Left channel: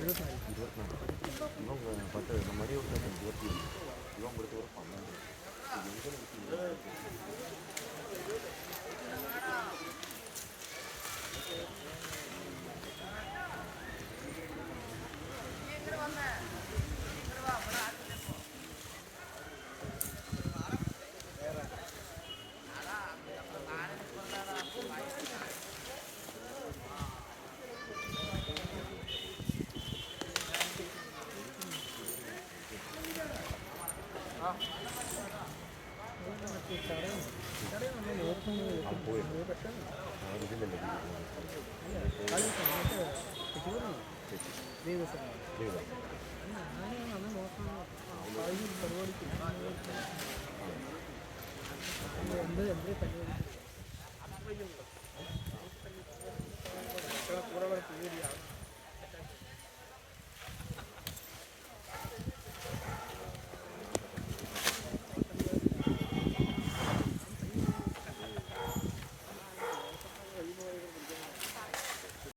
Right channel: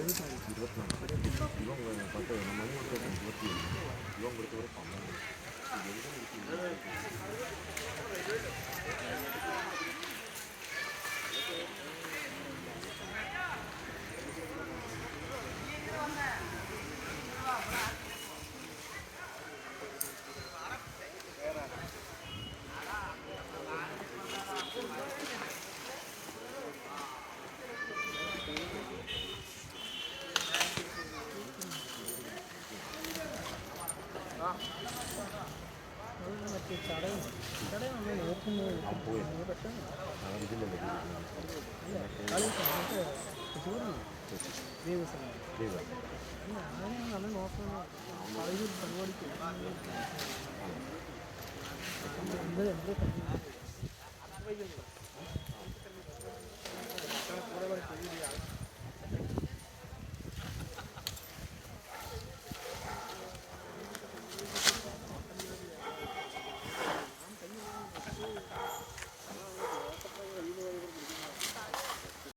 이번 거는 벌써 너무 힘들어서 이번 그렇게 그렇고 안 나오고 നമ്മൾ നോക്കുന്നത് പെട്ടെന്ന് ദിവസം ഞാനാണ് നമ്മൾ നോക്കുന്നത് പരിപാടിക്ക് എന്തേ പരിപാടി